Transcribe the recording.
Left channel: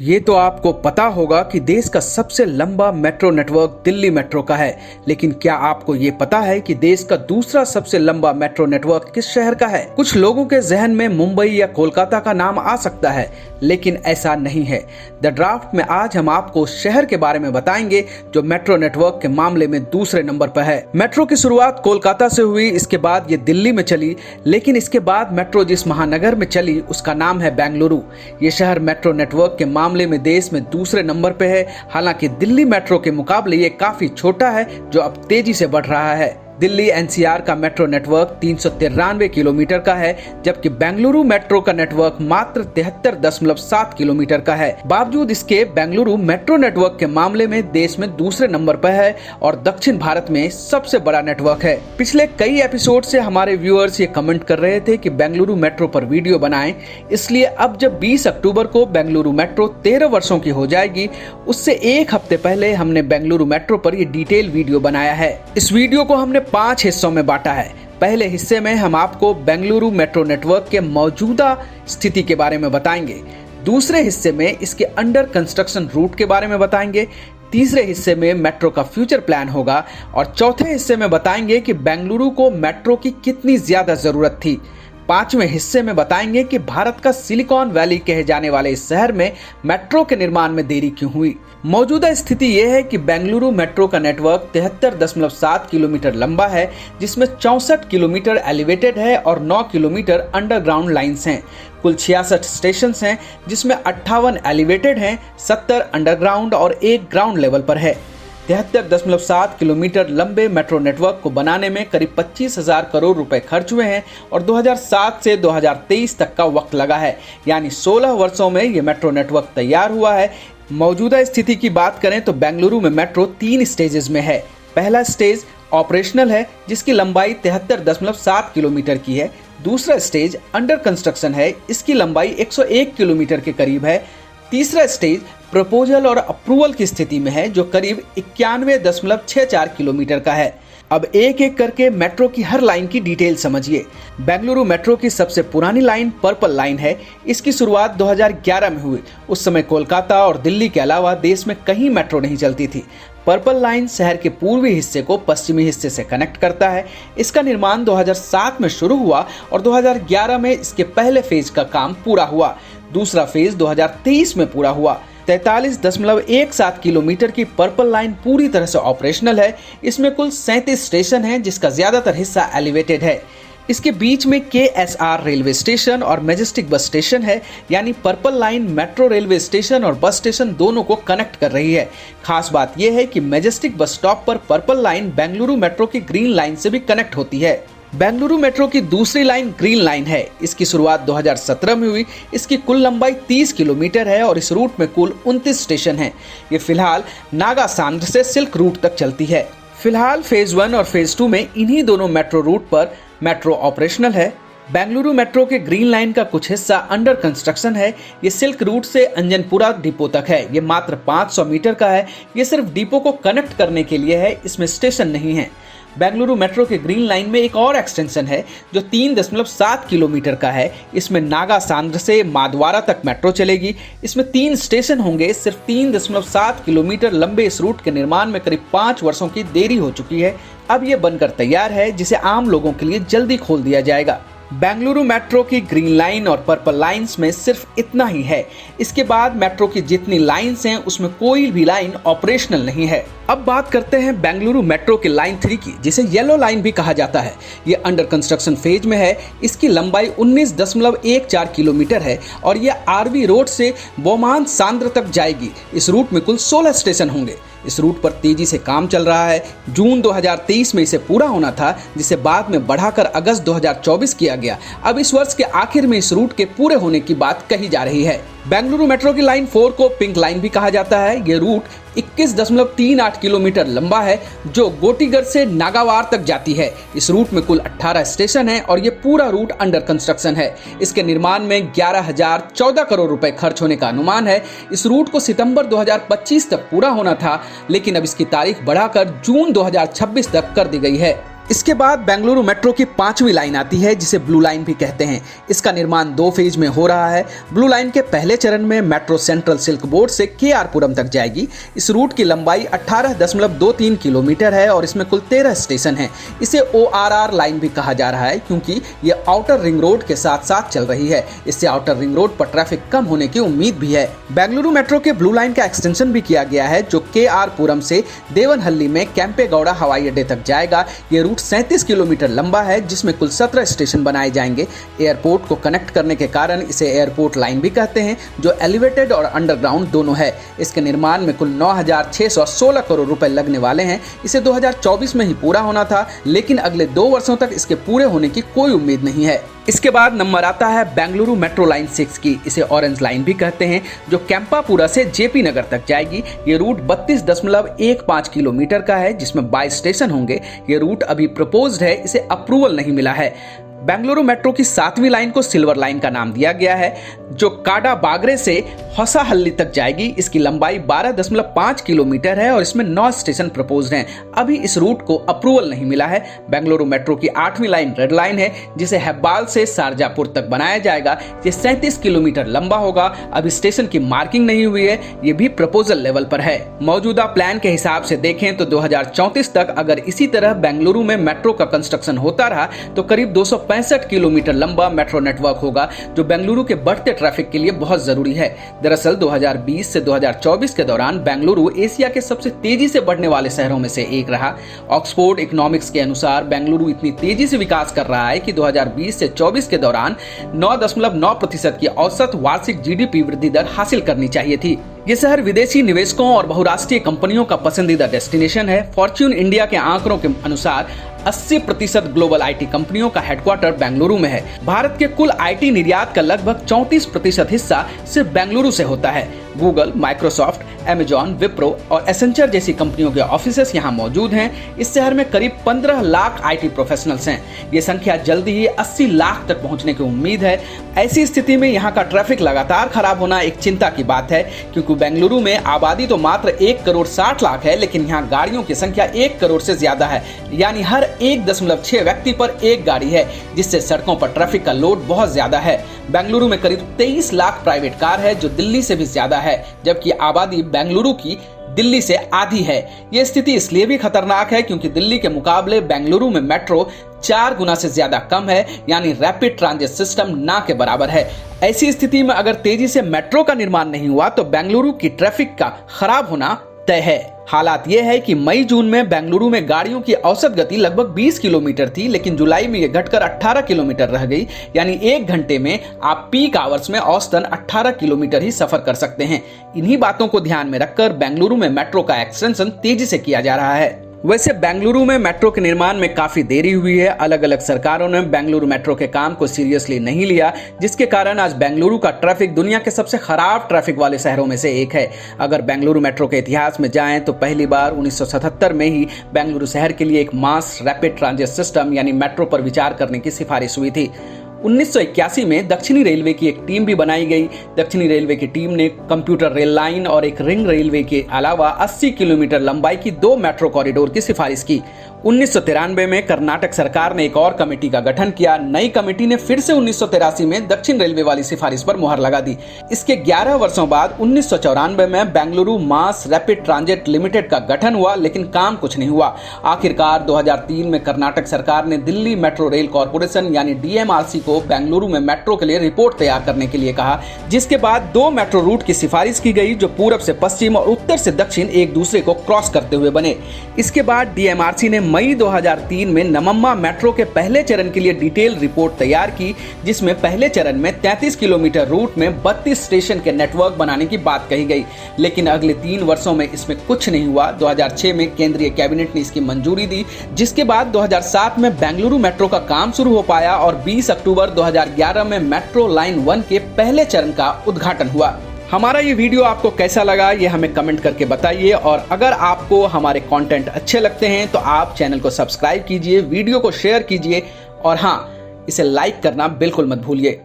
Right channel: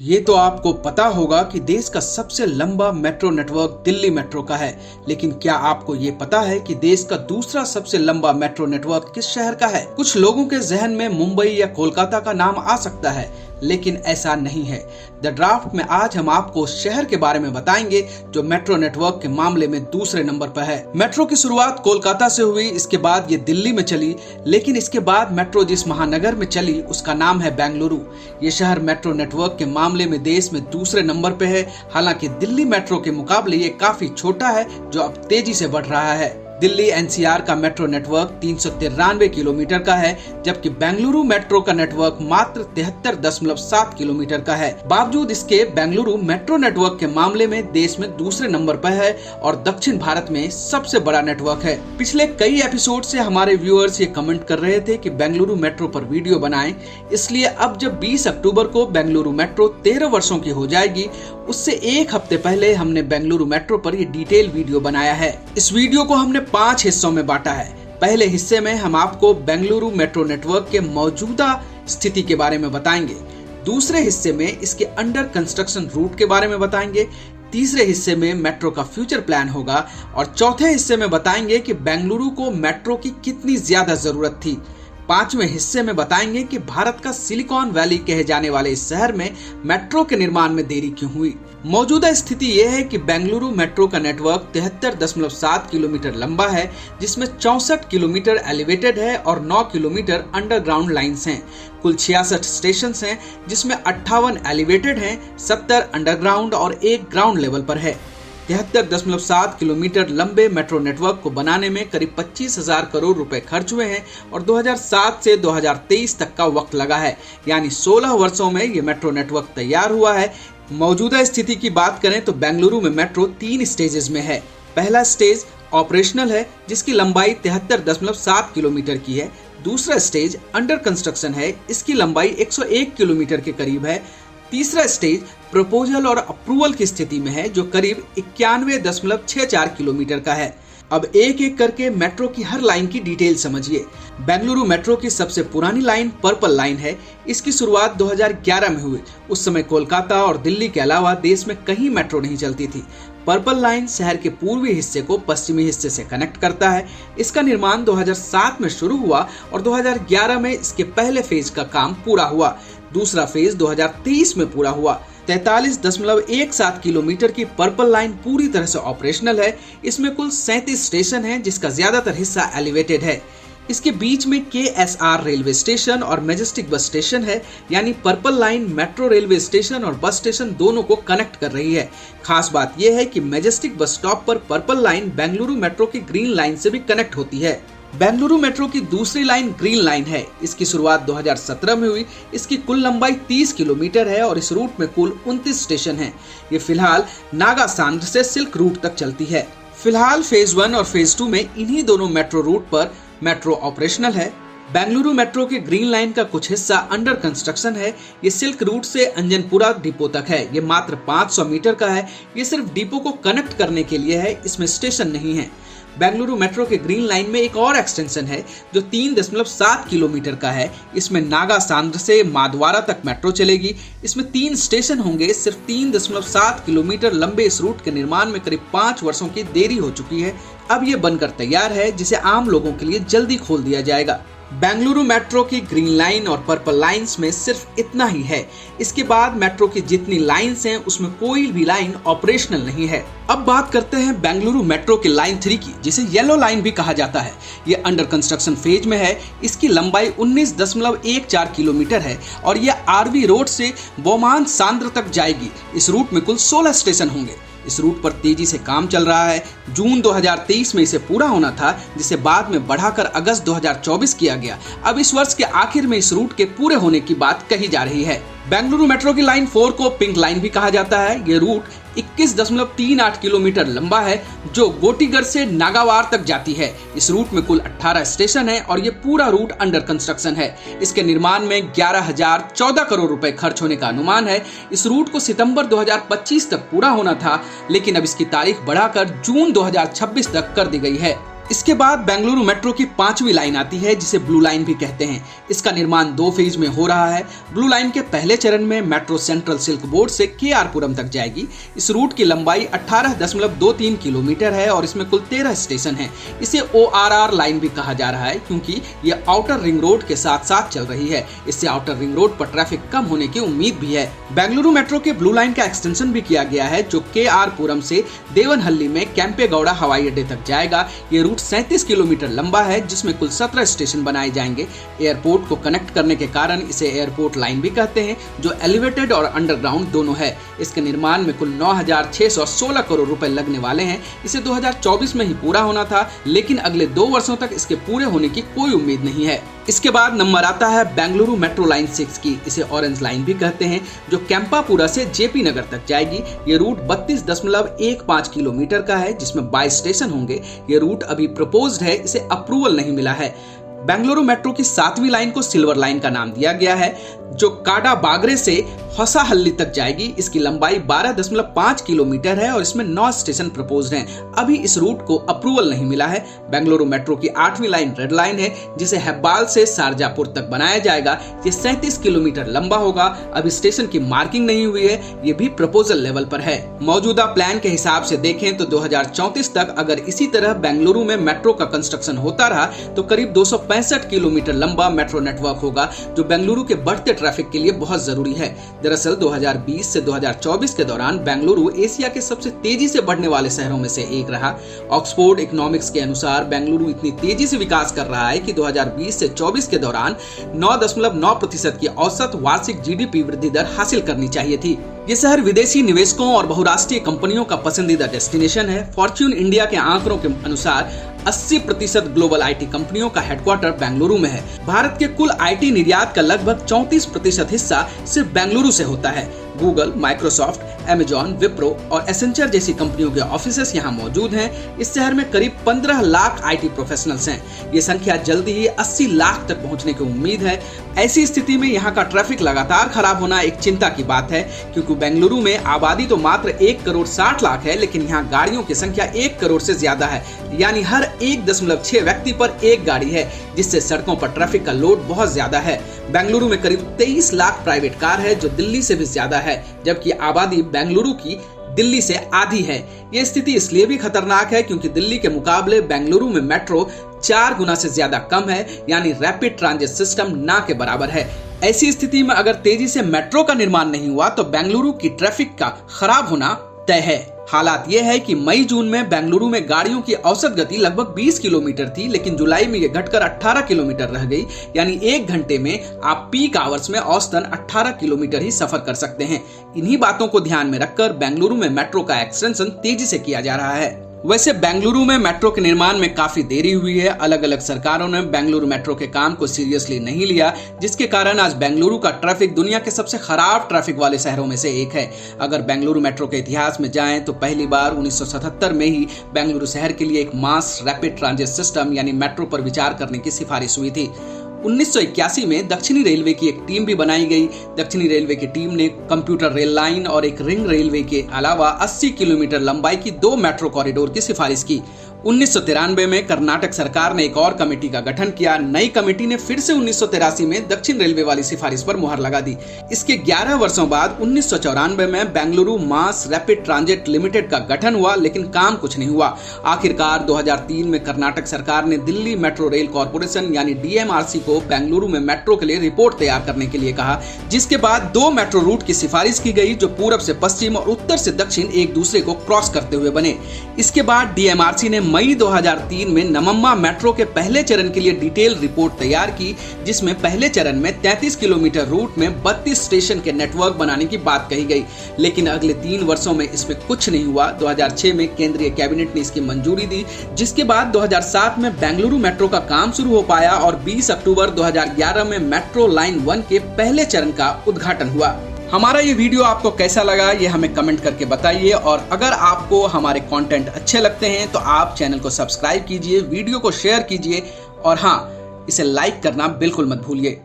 ये तो आपको पता होगा कि देश का सबसे लंबा मेट्रो नेटवर्क दिल्ली मेट्रो का है, लेकिन क्या आपको ये पता है कि देश का दूसरा सबसे लंबा मेट्रो नेटवर्क किस शहर का है? कुछ लोगों के जहन में मुंबई या कोलकाता का नाम आ सकता है, लेकिन ऐसा नहीं है। द ड्राफ्ट में आज हम आपको उस शहर के बारे में बताएंगे जो मेट्रो नेटवर्क के मामले में दूसरे नंबर पर है। मेट्रो की शुरुआत कोलकाता से हुई, इसके बाद ये दिल्ली में चली, लेकिन इसके बाद मेट्रो जिस महानगर में चली उसका नाम है बेंगलुरु। ये शहर मेट्रो नेटवर्क के मामले में देश में दूसरे नंबर पे है। हालांकि दिल्ली मेट्रो के मुकाबले ये काफी छोटा है, जो अब तेजी से बढ़ रहा है। दिल्ली एनसीआर का मेट्रो नेटवर्क 393 किलोमीटर का है, जबकि बेंगलुरु मेट्रो का नेटवर्क मात्र 73.7 किलोमीटर का है। बावजूद इसके बेंगलुरु मेट्रो नेटवर्क के मामले में देश में दूसरे नंबर पर है और दक्षिण भारत में सबसे बड़ा नेटवर्क है। पिछले कई एपिसोड से हमारे व्यूअर्स ये कमेंट कर रहे थे कि बेंगलुरु मेट्रो पर वीडियो बनाएं, इसलिए अब जब 20 अक्टूबर को बेंगलुरु मेट्रो 13 वर्षों की हो जाएगी, उससे एक हफ्ते पहले हमने बेंगलुरु मेट्रो पर ये डिटेल वीडियो बनाया है। इस वीडियो को हमने 5 हिस्सों में बांटा है। पहले हिस्से में हम आपको बेंगलुरु मेट्रो नेटवर्क के मौजूदा स्थिति के बारे में बताएंगे। दूसरे हिस्से में इसके अंडर कंस्ट्रक्शन रूट के बारे में बताएंगे। तीसरे हिस्से में मेट्रो का फ्यूचर प्लान होगा और चौथे हिस्से में बताएंगे कि बेंगलुरु को मेट्रो की कितनी ज्यादा जरूरत थी। पांचवें हिस्से में बताएंगे कि भारत का सिलिकॉन वैली कहे जाने वाले इस शहर में मेट्रो के निर्माण में देरी क्यों हुई। मौजूदा स्थिति यह है कि बेंगलुरु मेट्रो का नेटवर्क 73.7 किलोमीटर लंबा है, जिसमें 64 किलोमीटर एलिवेटेड है और 9 किलोमीटर अंडरग्राउंड लाइंस हैं। कुल 66 स्टेशन हैं, जिसमें 58 एलिवेटेड हैं, 70 अंडरग्राउंड और 1 ग्राउंड लेवल पर है। 73.7 किलोमीटर लंबे मेट्रो नेटवर्क को बनाने में करीब 25,000 करोड़ रुपए खर्च हुए हैं और 2007 से 2023 तक का वक्त लगा है, यानी 16 वर्षों में ये मेट्रो नेटवर्क तैयार हुआ है। मौजूदा स्थिति की बात करें तो बेंगलुरु में मेट्रो 3 स्टेजेस में है। पहला स्टेज ऑपरेशनल है, जिसकी लंबाई 73.7 किलोमीटर की है। दूसरा स्टेज अंडर कंस्ट्रक्शन है, इसकी लंबाई 101 किलोमीटर के करीब है। तीसरा स्टेज प्रपोजल और अप्रूवल की स्थिति में है, जो करीब 91.64 किलोमीटर का है। अब एक एक करके मेट्रो की हर लाइन की डिटेल समझिए। बेंगलुरु मेट्रो की सबसे पुरानी लाइन पर्पल लाइन है। इसकी शुरुआत 2011 में हुई। उस समय कोलकाता और दिल्ली के अलावा देश में कहीं मेट्रो नहीं चलती थी। पर्पल लाइन शहर के पूर्वी हिस्से को पश्चिमी हिस्से से कनेक्ट करता है। इसका निर्माण 2007 में शुरू हुआ और 2011 में इसके पहले फेज का काम पूरा हुआ। दूसरा फेज 2023 में पूरा हुआ। 43.17 किलोमीटर की पर्पल लाइन पूरी तरह से ऑपरेशनल है। इसमें कुल 37 स्टेशन हैं, जिसका ज्यादातर हिस्सा एलिवेटेड है। इसके बीच में KSR रेलवे स्टेशन और मैजेस्टिक बस स्टेशन है, यानी purple line metro railway station और बस स्टेशन दोनों को कनेक्ट कर रही है। खास बात यह है कि मैजेस्टिक बस स्टॉप पर पर्पल लाइन बेंगलुरु मेट्रो की ग्रीन लाइन से भी कनेक्ट होती है। बेंगलुरु मेट्रो की दूसरी लाइन ग्रीन लाइन है। इसकी शुरुआत 2017 में हुई। इसकी कुल लंबाई 30 किलोमीटर है और इस रूट में कुल 29 स्टेशन हैं। ये फिलहाल नागा सांद्र से सिल्क रूट तक चलती है। फिलहाल फेज 1 और फेज 2 में इन्हीं दोनों मेट्रो रूट पर मेट्रो ऑपरेशनल है। बेंगलुरु मेट्रो के ग्रीन लाइन का कुछ हिस्सा अंडर कंस्ट्रक्शन है। ये सिल्क रूट से अंजनपुरा डिपो तक है। ये मात्र 500 मीटर का है। ये सिर्फ डिपो को कनेक्ट करने के लिए है, इसमें स्टेशन नहीं है। बेंगलुरु मेट्रो के ग्रीन लाइन में एक और एक्सटेंशन है जो 3.7 किलोमीटर का है। इसमें नागा सांद्र से मादवारा तक मेट्रो चलेगी। इसमें 3 स्टेशन होंगे। सिर्फ 3.7 किलोमीटर लंबे इस रूट के निर्माण में करीब 5 वर्षों की देरी हो चुकी है। अब ये बनकर तैयार है, जिसे आम लोगों के लिए जल्दी खोल दिया जाएगा। बेंगलुरु मेट्रो की ग्रीन लाइन और पर्पल लाइंस में सिर्फ इतना ही है। इसके बाद मेट्रो की जितनी लाइंस हैं, उसमें कोई भी लाइन ऑपरेशनल नहीं है। अब बात करते हैं बेंगलुरु मेट्रो के लाइन 3 की, जिसे येलो लाइन भी कहा जाता है। ये अंडर कंस्ट्रक्शन फेज में है। इसकी लंबाई 19.14 किलोमीटर है और ये आरवी रोड से बोमान सांद्र तक जाएगी। इस रूट में कुल 16 स्टेशन होंगे। इस रूट पर तेजी से काम चल रहा है। जून 2023 में इसे पूरा होना था, जिसे बाद में बढ़ाकर अगस्त 2024 किया गया। अब इस वर्ष के आखिर में इस रूट के पूरे होने की बात कही जा रही है। बेंगलुरु मेट्रो की लाइन 4 को पिंक लाइन भी कहा जाता है। ये रूट 21.38 किलोमीटर लंबा है, जो गोटीगढ़ से नागावार तक जाती है। इस रूट में कुल 18 स्टेशन हैं और ये पूरा रूट अंडर कंस्ट्रक्शन है। इसके निर्माण में 11,014 करोड़ रुपए खर्च होने का अनुमान है। इस रूट को सितंबर 2025 तक पूरा होना था, लेकिन अब इसकी तारीख बढ़ाकर जून 2026 तक कर दी गई है। इसके बाद बेंगलुरु मेट्रो की 5वीं लाइन आती है जिसे ब्लू लाइन भी कहते हैं। इसका निर्माण 2 फेज में हो रहा है। ब्लू लाइन के पहले चरण में मेट्रो सेंट्रल सिल्क बोर्ड से केआर पुरम तक जाएगी। इस रूट की लंबाई 18.23 किलोमीटर है और इसमें कुल 13 स्टेशन हैं। इसे ORR लाइन भी कहा जा रहा है क्योंकि ये आउटर रिंग रोड के साथ साथ चल रही है। इससे आउटर रिंग रोड पर ट्रैफिक कम होने की उम्मीद भी है। बेंगलुरु मेट्रो के ब्लू लाइन का एक्सटेंशन भी किया गया है जो केआर पुरम से देवनहल्ली में केम्पेगौड़ा हवाई अड्डे तक जाएगा। ये रूट 37 किलोमीटर लंबा है जिसमें कुल 17 स्टेशन बनाए जाएंगे। एयरपोर्ट को कनेक्ट करने के कारण इसे एयरपोर्ट लाइन भी कहते हैं जो एलिवेटेड और अंडरग्राउंड दोनों है। इसके निर्माण में कुल 9,616 करोड़ रुपए लगने वाले हैं। इसे 2024 में ही पूरा होना था लेकिन अगले 2 वर्षों तक इसके पूरे होने की कोई उम्मीद नहीं है। इसके बाद नंबर आता है बेंगलुरु मेट्रो लाइन 6 की। इसे ऑरेंज लाइन भी कहते हैं जो कैंपापुरा से जेपी नगर तक जाएगी। ये रूट 32.15 किलोमीटर का है जिसमें 22 स्टेशन होंगे। ये रूट अभी प्रपोज्ड है, इसे अप्रूवल नहीं मिला है। बेंगलुरु मेट्रो की 7वीं लाइन को सिल्वर लाइन का नाम दिया गया है जो काडा बागरे से होसाहल्ली तक जाएगी। इसकी लंबाई 12.5 किलोमीटर है और इसमें 9 स्टेशन प्रपोज्ड हैं। अभी इस रूट को अप्रूवल नहीं मिला है। बेंगलुरु मेट्रो की 8वीं लाइन रेड लाइन है जिसे हेब्बाल से शारजापुर तक बनाया जाएगा। ये 37 किलोमीटर लंबा होगा। अभी स्टेशन की मार्किंग नहीं हुई है, ये भी प्रपोजल लेवल पर है। मौजूदा प्लान के हिसाब से देखें तो 2034 तक अगर इसी तरह बेंगलुरु में मेट्रो का कंस्ट्रक्शन होता रहा तो करीब 265 किलोमीटर लंबा मेट्रो नेटवर्क होगा जो बेंगलुरु के बढ़ते ट्रैफिक के लिए बहुत जरूरी है। दरअसल 2020 से 2024 के दौरान बेंगलुरु एशिया के सबसे तेजी से बढ़ने वाले शहरों में से एक रहा। ऑक्सफोर्ड इकोनॉमिक्स के अनुसार बेंगलुरु इतनी तेजी से विकास कर रहा है कि 2020 से 24 के दौरान 9.9% की औसत वार्षिक जीडीपी वृद्धि दर हासिल करनी चाहिए थी। ये शहर विदेशी निवेशकों और बहुराष्ट्रीय कंपनियों का पसंदीदा डेस्टिनेशन है। फॉर्च्यून इंडिया के आंकड़ों के अनुसार 80% ग्लोबल आईटी कंपनियों का हेडक्वार्टर बेंगलुरु में है। भारत के कुल आईटी निर्यात का लगभग 34% हिस्सा सिर्फ बेंगलुरु से होता है। गूगल, माइक्रोसॉफ्ट, अमेजॉन, विप्रो और एसेंचर जैसी कंपनियों के ऑफिसेस यहाँ मौजूद हैं। इस शहर में करीब 15 लाख आईटी प्रोफेशनल्स हैं। ये संख्या जल्दी ही 80 लाख तक पहुंचने की उम्मीद है। ऐसी स्थिति में यहाँ का ट्रैफिक लगातार खराब होना एक चिंता की बात है क्योंकि बेंगलुरु में आबादी तो मात्र 1,60,00,000 है लेकिन यहाँ गाड़ियों की संख्या 1 करोड़ से ज्यादा है। यानी हर 1.6 व्यक्ति पर एक गाड़ी है जिससे सड़कों पर ट्रैफिक का लोड बहुत ज्यादा है। बेंगलुरु में करीब 23 लाख प्राइवेट कार है जो दिल्ली से भी ज्यादा है जबकि आबादी बेंगलुरु की दिल्ली से आधी है। ये स्थिति इसलिए भी खतरनाक है क्योंकि दिल्ली के मुकाबले बेंगलुरु में मेट्रो 4 गुना से ज्यादा कम है यानी रैपिड ट्रांजिट सिस्टम ना के बराबर है। ऐसी स्थिति में अगर तेजी से मेट्रो का निर्माण नहीं हुआ तो बेंगलुरु की ट्रैफिक का खराब होना तय है। हालात ये है कि मई-जून में बेंगलुरु में गाड़ियों की औसत गति लगभग 20 किलोमीटर थी लेकिन जुलाई में ये घटकर 18 किलोमीटर रह गई। यानी 1 घंटे में आप पीक आवर्स में औसतन 18 किलोमीटर ही सफर कर सकते हैं। इन्हीं बातों को ध्यान में रखकर बेंगलुरु में मेट्रो का एक्सटेंशन तेजी से किया जा रहा है। वैसे बेंगलुरु में मेट्रो के निर्माण में काफी देरी हुई है। अलग अलग सरकारों ने बेंगलुरु मेट्रो के काम को सीरियसली नहीं लिया जिसके कारण आज बेंगलुरु का ट्रैफिक दुनिया के सबसे खराब ट्रैफिक वाले शहरों में से एक है। अगर बेंगलुरु मेट्रो के इतिहास में जाएं तो पहली बार 1977 में ही बेंगलुरु शहर के लिए एक मास रैपिड ट्रांजिट सिस्टम यानी मेट्रो पर विचार करने की सिफारिश हुई थी। 1981 में दक्षिणी रेलवे की एक टीम भी बनाई गई। दक्षिणी रेलवे की टीम ने कंप्यूटर रेल लाइन और एक रिंग रेलवे के अलावा 80 किलोमीटर लंबाई की 2 मेट्रो कॉरिडोर की सिफारिश की। 1993 में कर्नाटक सरकार ने एक और कमेटी का गठन किया। नई कमेटी ने फिर से 1983 में दक्षिण रेलवे वाली सिफारिश पर मुहर लगा दी। इसके 11 वर्षों बाद 1994 में Bengaluru mass rapid transit limited का गठन हुआ लेकिन काम कुछ नहीं हुआ। आखिरकार 2003 में कर्नाटक सरकार ने दिल्ली मेट्रो रेल कॉर्पोरेशन यानी DMRC को बेंगलुरु में मेट्रो के लिए रिपोर्ट तैयार करने के लिए कहा जिसके बाद 2 मेट्रो रूट की सिफारिश की गई जो पूरब से पश्चिम और उत्तर से दक्षिण एक दूसरे को क्रॉस करते हुए बने। इसके बाद DMRC ने मई 2003 में नमम्मा मेट्रो के पहले चरण के लिए डिटेल रिपोर्ट तैयार की जिसमें पहले चरण में 33 किलोमीटर रूट में 32 स्टेशन के नेटवर्क बनाने की बात कही गई लेकिन अगले 3 वर्षों में इसमें कुछ नहीं हुआ। 2006 में केंद्रीय कैबिनेट ने इसकी मंजूरी दी जिसके बाद 2007 में बेंगलुरु मेट्रो का काम शुरू हो पाया और 20 अक्टूबर 2011 में मेट्रो लाइन 1 के पहले चरण का उद्घाटन हुआ। हमारा ये वीडियो आपको कैसा लगा ये हमें कमेंट करके बताइए और अगर आपको हमारे कंटेंट अच्छे लगते हैं तो आप चैनल को सब्सक्राइब कीजिए, वीडियो को शेयर कीजिए और हाँ, इसे लाइक करना बिल्कुल मत भूलिए।